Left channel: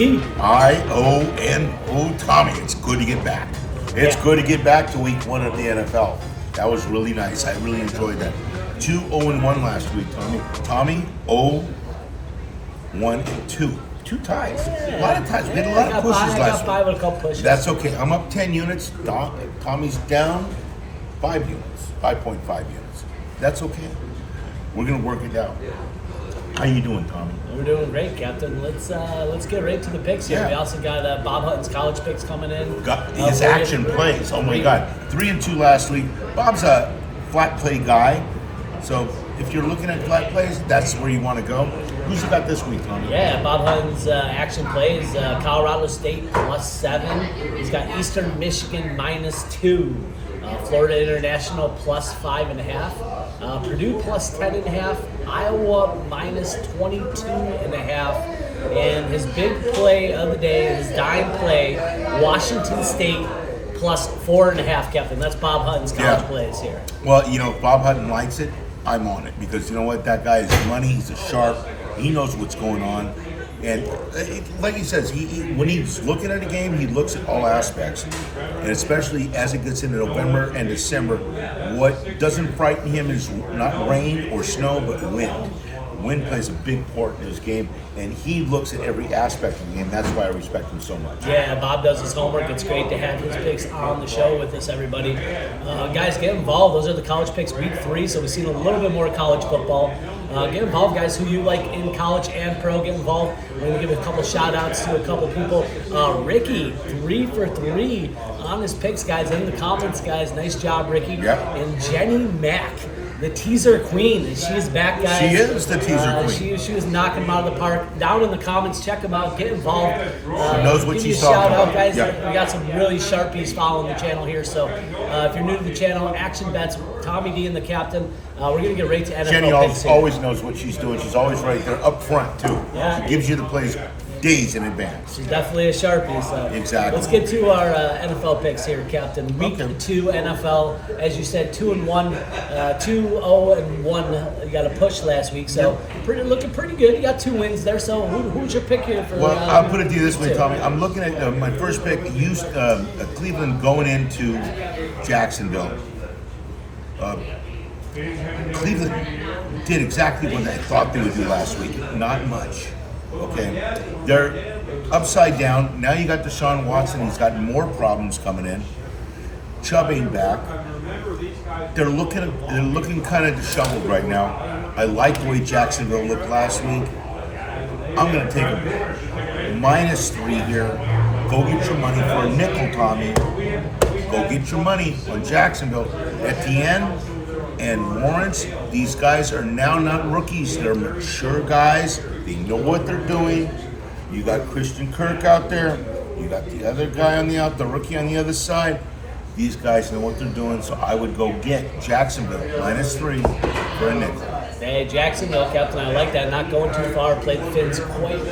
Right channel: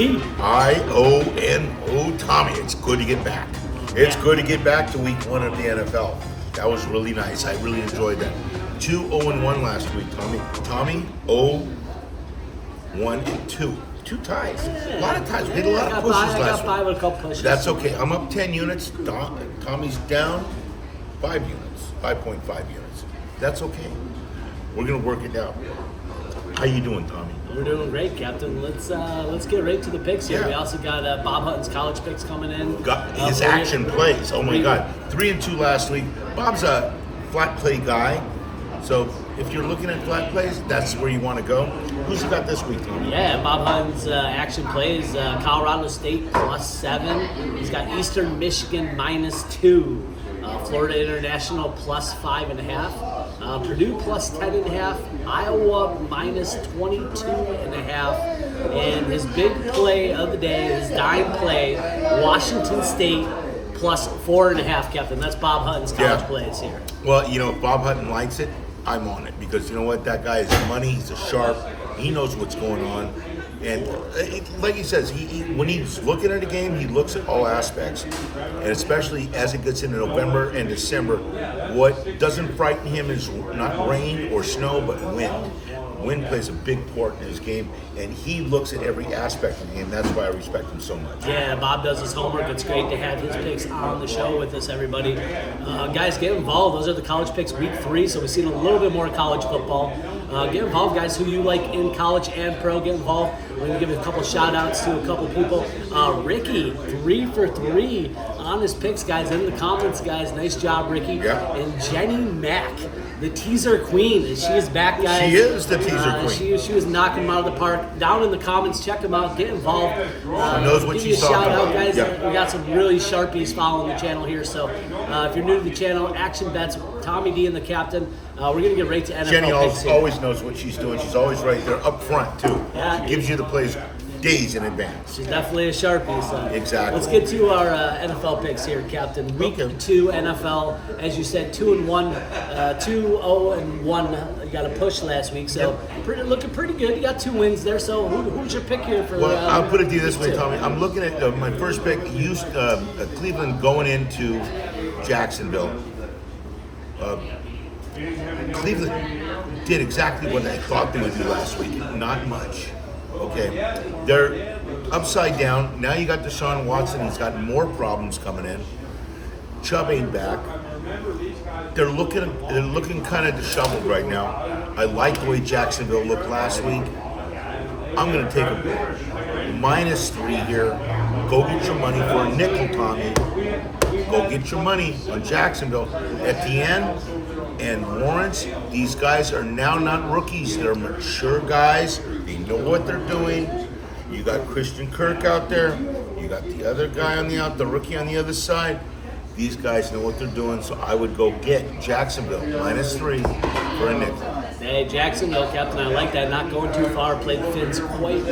T. I-O-N-O, Tommy. It's good to get back. It's good to get back to week 1 of the NFL. That was really nice. I really enjoyed that. 2-0-1 last week, Tommy. Tommy, 0-1-2. 2 ties. A lot of ties. We had a lot of pushes last week. 5 with a couple pushes. That's okay. I'm up 10 units. Tommy's down 5 units. 5.5 units. That's okay. We're going to work it out. How you doing, Tommy? We're doing great, Captain. Let's get right to the picks here. Yeah. We also got Bob Hutton's college picks coming in. Got his action plays. Oh my God, 3-2 last week. Bob's a flat play guy, so if you're looking at flat plays, that's where you want to go. Who's you got this week, Tommy? Yeah, Bob Hutton's action plays. Colorado State +7. He's got Eastern Michigan -2. Florida International +5.5. Purdue +10.5. Iowa -22.5. And his big play of the day, his dime play, Washington State +4.5, Captain. That's Bob Hutton's college plays here. Well, you know, if Bob Hutton likes it, I'm on it, because you know what? That guy is money. He's a sharp. He knows what's going on. And like he says, when he's looking at a game, he looks at all aspects. And especially as it gets into November and December, what doesn't frighten him is not rain or snow, but wind. Wind plays a big part in his game, and he looks at every aspect of the game. That's why I respect him so much. Yeah, Bob does his homework. It's great to have his picks on the show with us, everybody. Guys, get involved. Those are the college picks week 3, so we've seen a little bit more college football. Get involved, guys, who you like in college and pro. Get involved. We're going to give a couple shout-outs to a couple people. Ricky, 3 for 3 on his picks, guys. In the comments, guys. Nice job, Ricky. Yep. And Jenny Mack, the teaser queen. And she is back, guys. She is the teaser queen. She was knocking them out of the park. Down in the comments, check them out. Get involved. She knows what she's talking shout about. Out, guys. Yep. We got some really sharpies following the channel here. So if you're new to the channel, Action Bets, Tommy D and the Captain. We're going to get right to NFL. Jenny always knows what she's doing. She's always right there up front, too. Yeah. She gives you the plays days in advance. She's definitely a Sharpie. So Exactly. Let's get to our NFL picks here, Captain. Week 2 NFL, as you said, 2-1, 2-0-1. You got a push last week, so looking pretty good. You got 2 wins there. So who's your pick here for? Well, I'll put it to you this way, Tommy. I'm looking at my first pick. Cleveland going into Jacksonville. Cleveland did exactly what I thought they would do last week. Not much. Okay, they're upside down. Now you got Deshaun Watson. He's got more problems coming in. Chubb ain't back. They're looking kind of disheveled right now. I like the way Jacksonville looked last week. I'm going to take a -3 here. Go get your money for a nickel, Tommy. Go get your money on Jacksonville. Etienne and Lawrence, these guys are now not rookies. They're mature guys. They know what they're doing. You got Christian Kirk out there. You got the other guy the rookie on the other side. These guys know what they're doing, so I would go get Jacksonville -3 for a nickel. Hey, Jacksonville, Captain, I like that. Not going too far. Played the Fins quite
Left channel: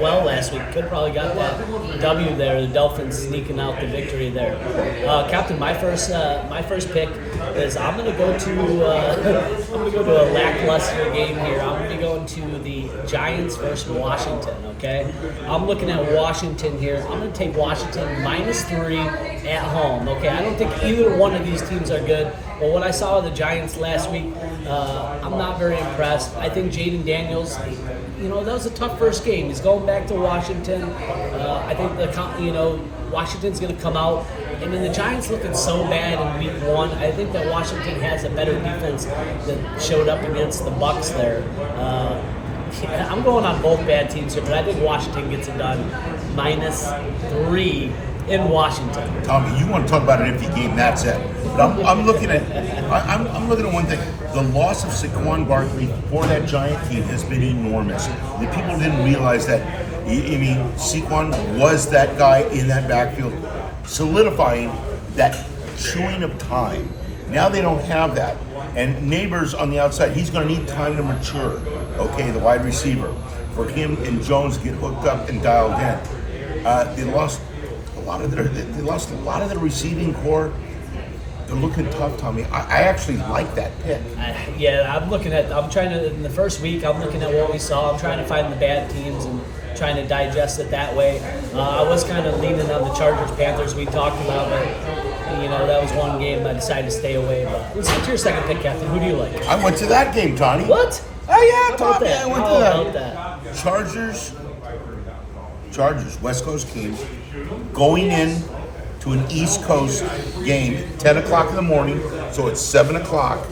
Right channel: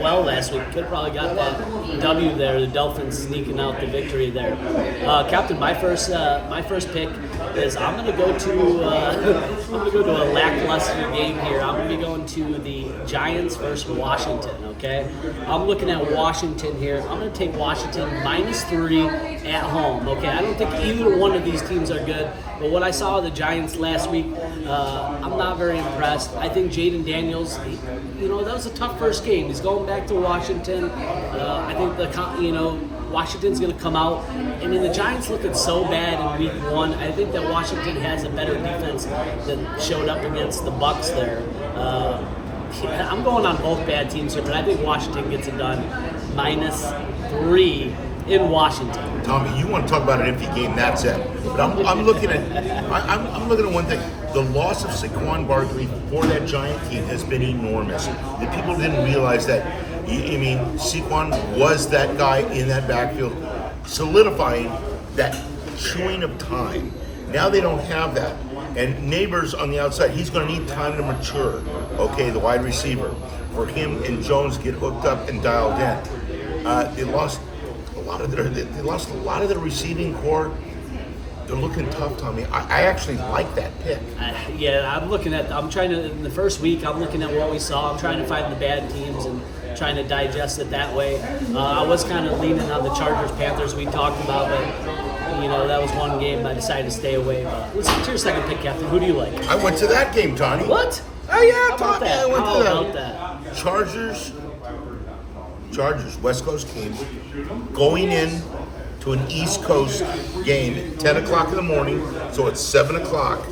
well last week. Could have probably got that W there. The Dolphins sneaking out the victory there. Captain, my first pick is I'm going to go to a lackluster game here. I'm going to go into the Giants versus Washington. Okay, I'm looking at Washington here. I'm going to take Washington -3 at home. Okay, I don't think either one of these teams are good. But what I saw of the Giants last week, I'm not very impressed. I think Jaden Daniels, that was a tough first game. He's going back to Washington. I think Washington's going to come out. I mean, the Giants looking so bad in week 1. I think that Washington has a better defense that showed up against the Bucs there. I'm going on both bad teams here, but I think Washington gets it done. -3 in Washington. Tommy, you want to talk about an iffy game? That's it. But I'm looking at one thing. The loss of Saquon Barkley for that Giant team has been enormous. The people didn't realize that. I mean, Saquon was that guy in that backfield, solidifying that chewing of time. Now they don't have that. And Neighbors on the outside, he's going to need time to mature. Okay, the wide receiver. For him and Jones get hooked up and dialed in. They lost a lot of their receiving core. They're looking tough, Tommy. I actually like that pick. Yeah, in the first week, I'm looking at what we saw. I'm trying to find the bad teams, and trying to digest it that way. I was kind of leaning on the Chargers-Panthers we talked about, but that was one game I decided to stay away. But let's get to your second pick, Captain. Who do you like? I went to that game, Tony. What? Oh yeah, How about Tommy, that? I went How to that. about that? Chargers, West Coast teams, going in to an East Coast game, 10 o'clock in the morning, so it's 7 o'clock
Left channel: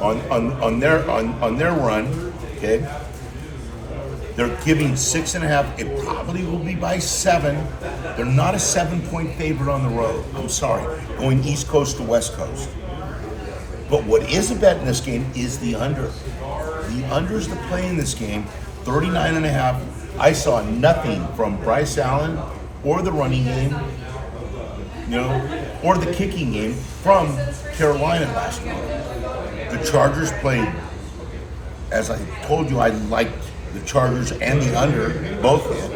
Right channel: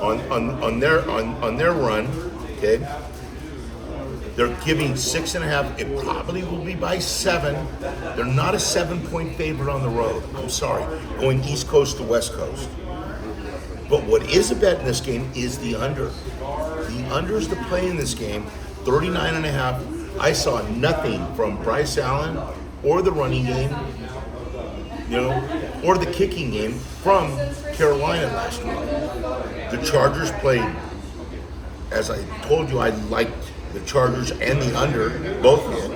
on their run. Okay, they're giving 6.5. It probably will be by 7. They're not a 7-point favorite on the road. I'm sorry, going East Coast to West Coast. But what is a bet in this game is the under. The under is the play in this game, 39.5. I saw nothing from Bryce Allen or the running game, or the kicking game from Carolina last week. The Chargers played, as I told you, I liked the Chargers and the under, both hit.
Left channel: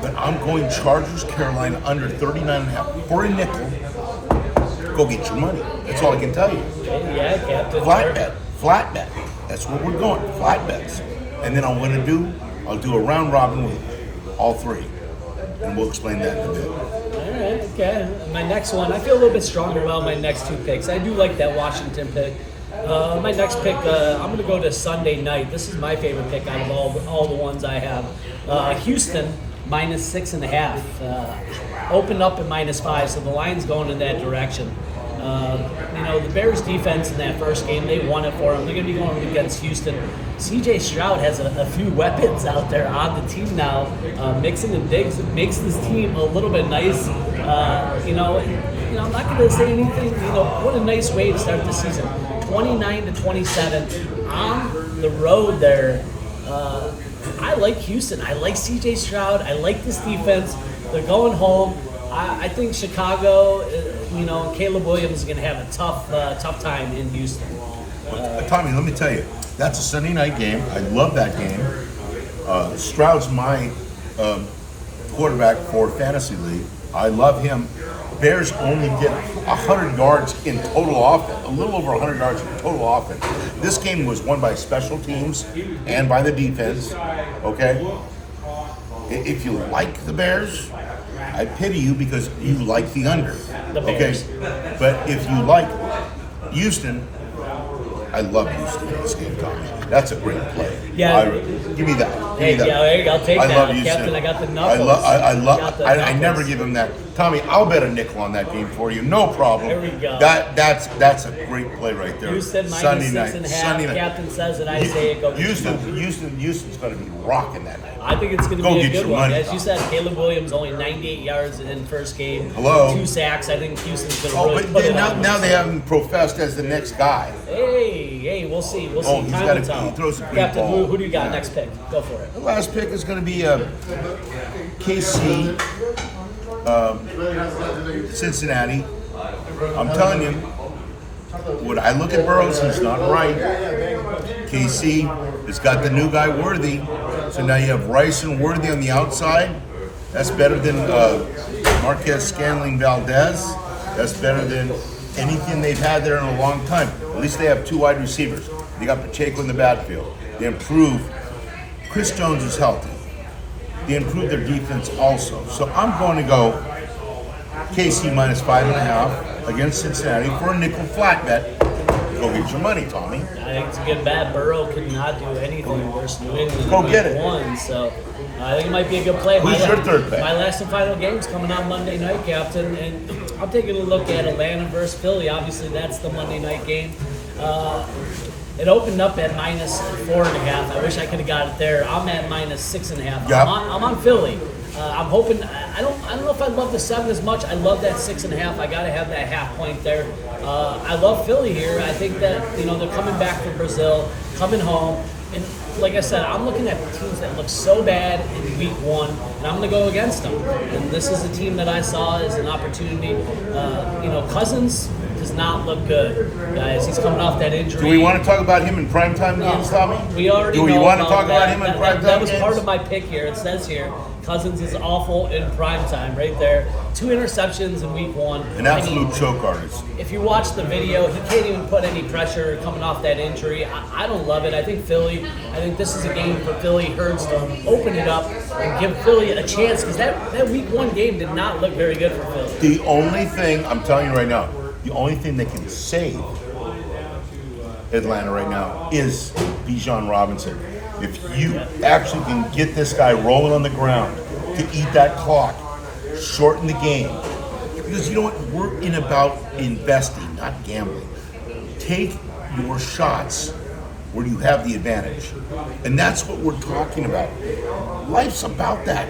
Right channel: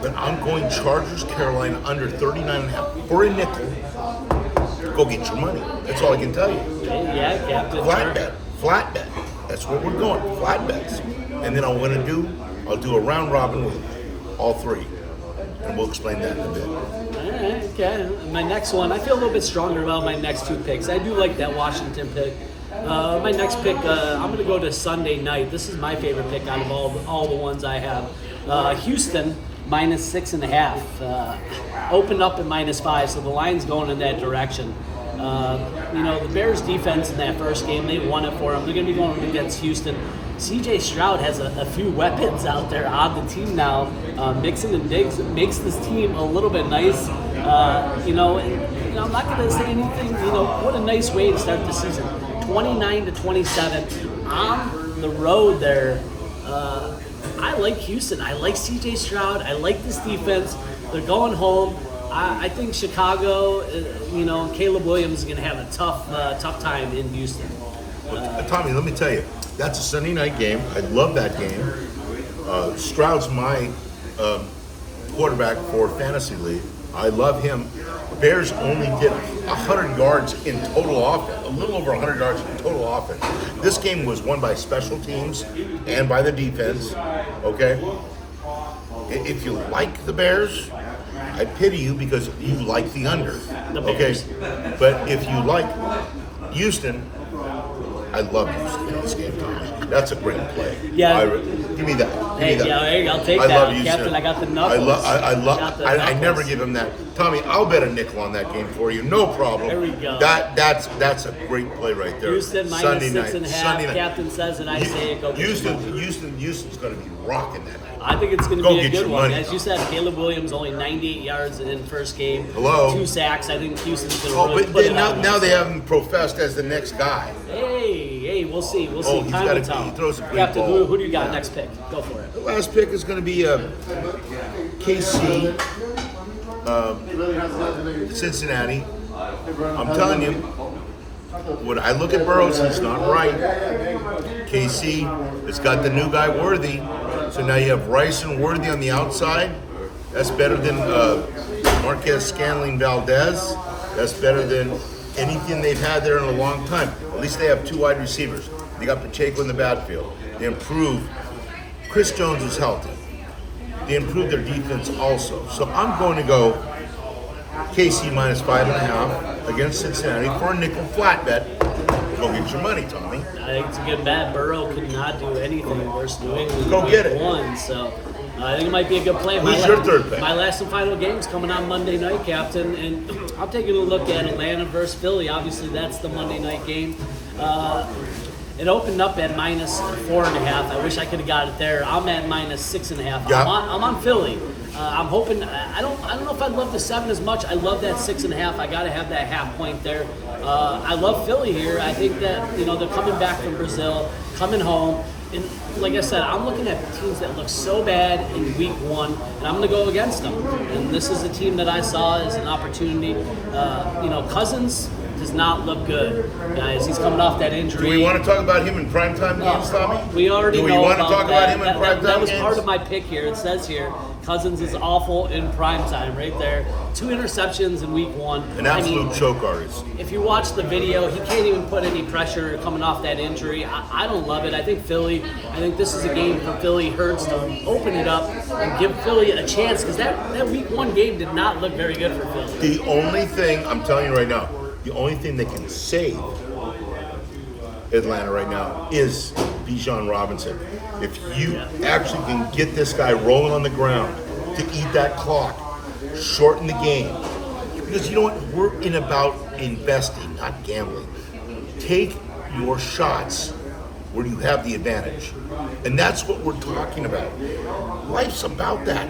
But I'm going Chargers, Carolina, under 39.5 for a nickel. Go get your money. That's all I can tell you. Yeah, Captain. Flat bet. That's what we're going. Flat bets. And then I'll do a round robin with all three. And we'll explain that in a bit. All right, okay. And my next one, I feel a little bit stronger about my next two picks. I do like that Washington pick. My next pick, I'm going to go to Sunday night. This is my favorite pick out of all the ones I have. Houston, minus 6.5. Opened up at -5, so the line's going in that direction. The Bears defense in that first game, they won it for them. They're going to be going against Houston. CJ Stroud has a few weapons out there on the team now. Mixing and Diggs makes this team a little bit nice. I'm not going to say anything. What a nice way to start the season. 29-27 on the road there. I like Houston. I like CJ Stroud. I like this defense. They're going home. I think Chicago, Caleb Williams is going to have a tough time in Houston. Tommy, let me tell you, that's a Sunday night game. I love that game. Stroud's my quarterback for Fantasy League. I love him. Bears only did 100 yards in total offense, a little over 100 yards in total offense. This game was won by special teams and by the defense, okay? If you like the Bears, I pity you because you like the under, okay? But if you like Houston, I love Houston in this game, Tommy. That's a great play. Yeah. Give me that. Give me that. Yeah, there you go. I'll take I that. love Houston. Captain, I got the knuckles. I never give him that. Tommy, I'll bet a nickel on that game for you. No problem. There we go. That's a great play right there. Houston Sunday night. 6.5. Sunday night. Captain says it. I say it. Go. Houston's going to be rocking that night. I think it's going to be a good one. Money, As you said, Caleb Williams only 98 yards in the first game. Hello. 2 sacks. I think Houston's going to really but put it now, on. now they have him professed as the next guy. Hey, we'll see. We'll see. Oh, he throws a great Captain, ball. who do you got Yeah. next pick? Go for it. The last pick is going to be KC, Cincinnati. I'm telling you, when I look at Burrows, he's not right. KC has got the new guy Worthy, so now you have Rice and Worthy on the outside. That's better than Marquez Scanling Valdez. That's better than anything they've had there in a long time. At least they have 2 wide receivers. They got Pacheco in the backfield. They improved. Chris Jones is healthy. They improved their defense also. So I'm going to go KC minus 5.5 against Cincinnati for a nickel flat bet. Go get your money, Tommy. I think it's a good bet. Burrow could not do anything versus New England. Go get it. Won, so I think it might be a good play. Who's your third bet? My last and final game's coming on Monday night, Captain, and I'm taking a look at Atlanta versus Philly. Obviously, that's the Monday night game. It opened up at minus 4.5. I wish I could have got it there. I'm at minus 6.5. Yep. I'm on Philly. I'm hoping. I don't know if I love the 7 as much. I love that 6.5. I got to have that half point there. I love Philly here. I think that they're coming back from Brazil, coming home, and like I said, I'm looking at teams that look so bad in week 1, and I'm going to go against them. And this is a team that I saw as an opportunity. Cousins does not look good, guys. He's coming off that injury. Do we want to talk about him in primetime games, Tommy? We already Do we know want to about talk about that. him in primetime That was games? part of my pick here. It says here, Cousins is awful in primetime right there. 2 interceptions in week 1. An absolute choke artist. If you watch the video, he can't even put any pressure coming off that injury. I don't love it. I think this is a game for Philly Hurts to open it up and give Philly a chance, because that week 1 game did not look very good for Philly. The only thing, I'm telling you right now, the only thing that can save Atlanta right now is Bijan Robinson. If you actually can get this guy rolling on the ground to eat that clock, shorten the game. Because you know what? We're in about investing, not gambling. Take your shots where you have the advantage. And that's what we're talking about. Life's about that.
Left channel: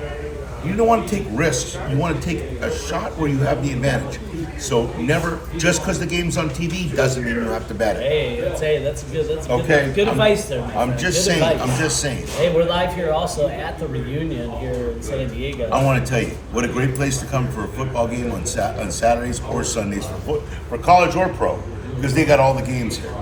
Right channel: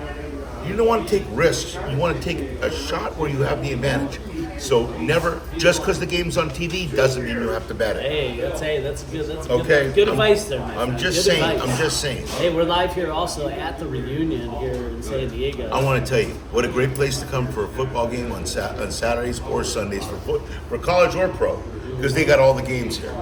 You don't want to take risks. You want to take a shot where you have the advantage. So never, just because the game's on TV doesn't mean you have to bet it. Hey, that's good. That's Okay. good advice there, my I'm friend. just Good saying. advice. I'm just saying. Hey, we're live here also at the reunion here in San Diego. I want to tell you what a great place to come for a football game on Saturdays or Sundays for college or pro, because they got all the games here.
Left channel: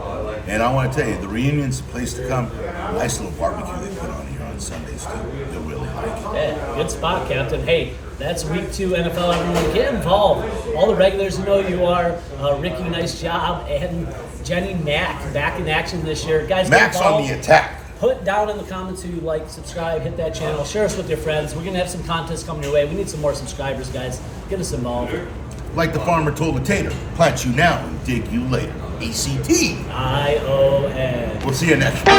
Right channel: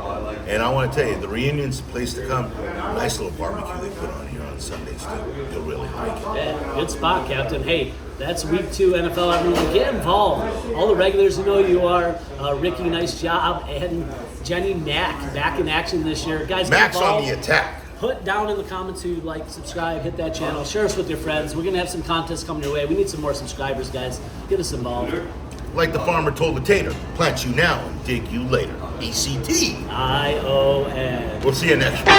And I want to tell you, the reunion's the place to come. Nice little barbecue they put on here on Sundays too. You'll really like it. Yeah, good spot, Captain. Hey, that's week 2 NFL. Everyone, get involved. All the regulars who know who you are. Ricky, nice job. And Jenny Mack back in action this year. Guys, get Max on involved. the attack. Put down in the comments who you like, subscribe, hit that channel, share us with your friends. We're going to have some contests coming your way. We need some more subscribers, guys. Get us involved. Like the farmer told the tater, plant you now and dig you later. ECT. ION. We'll see you next week.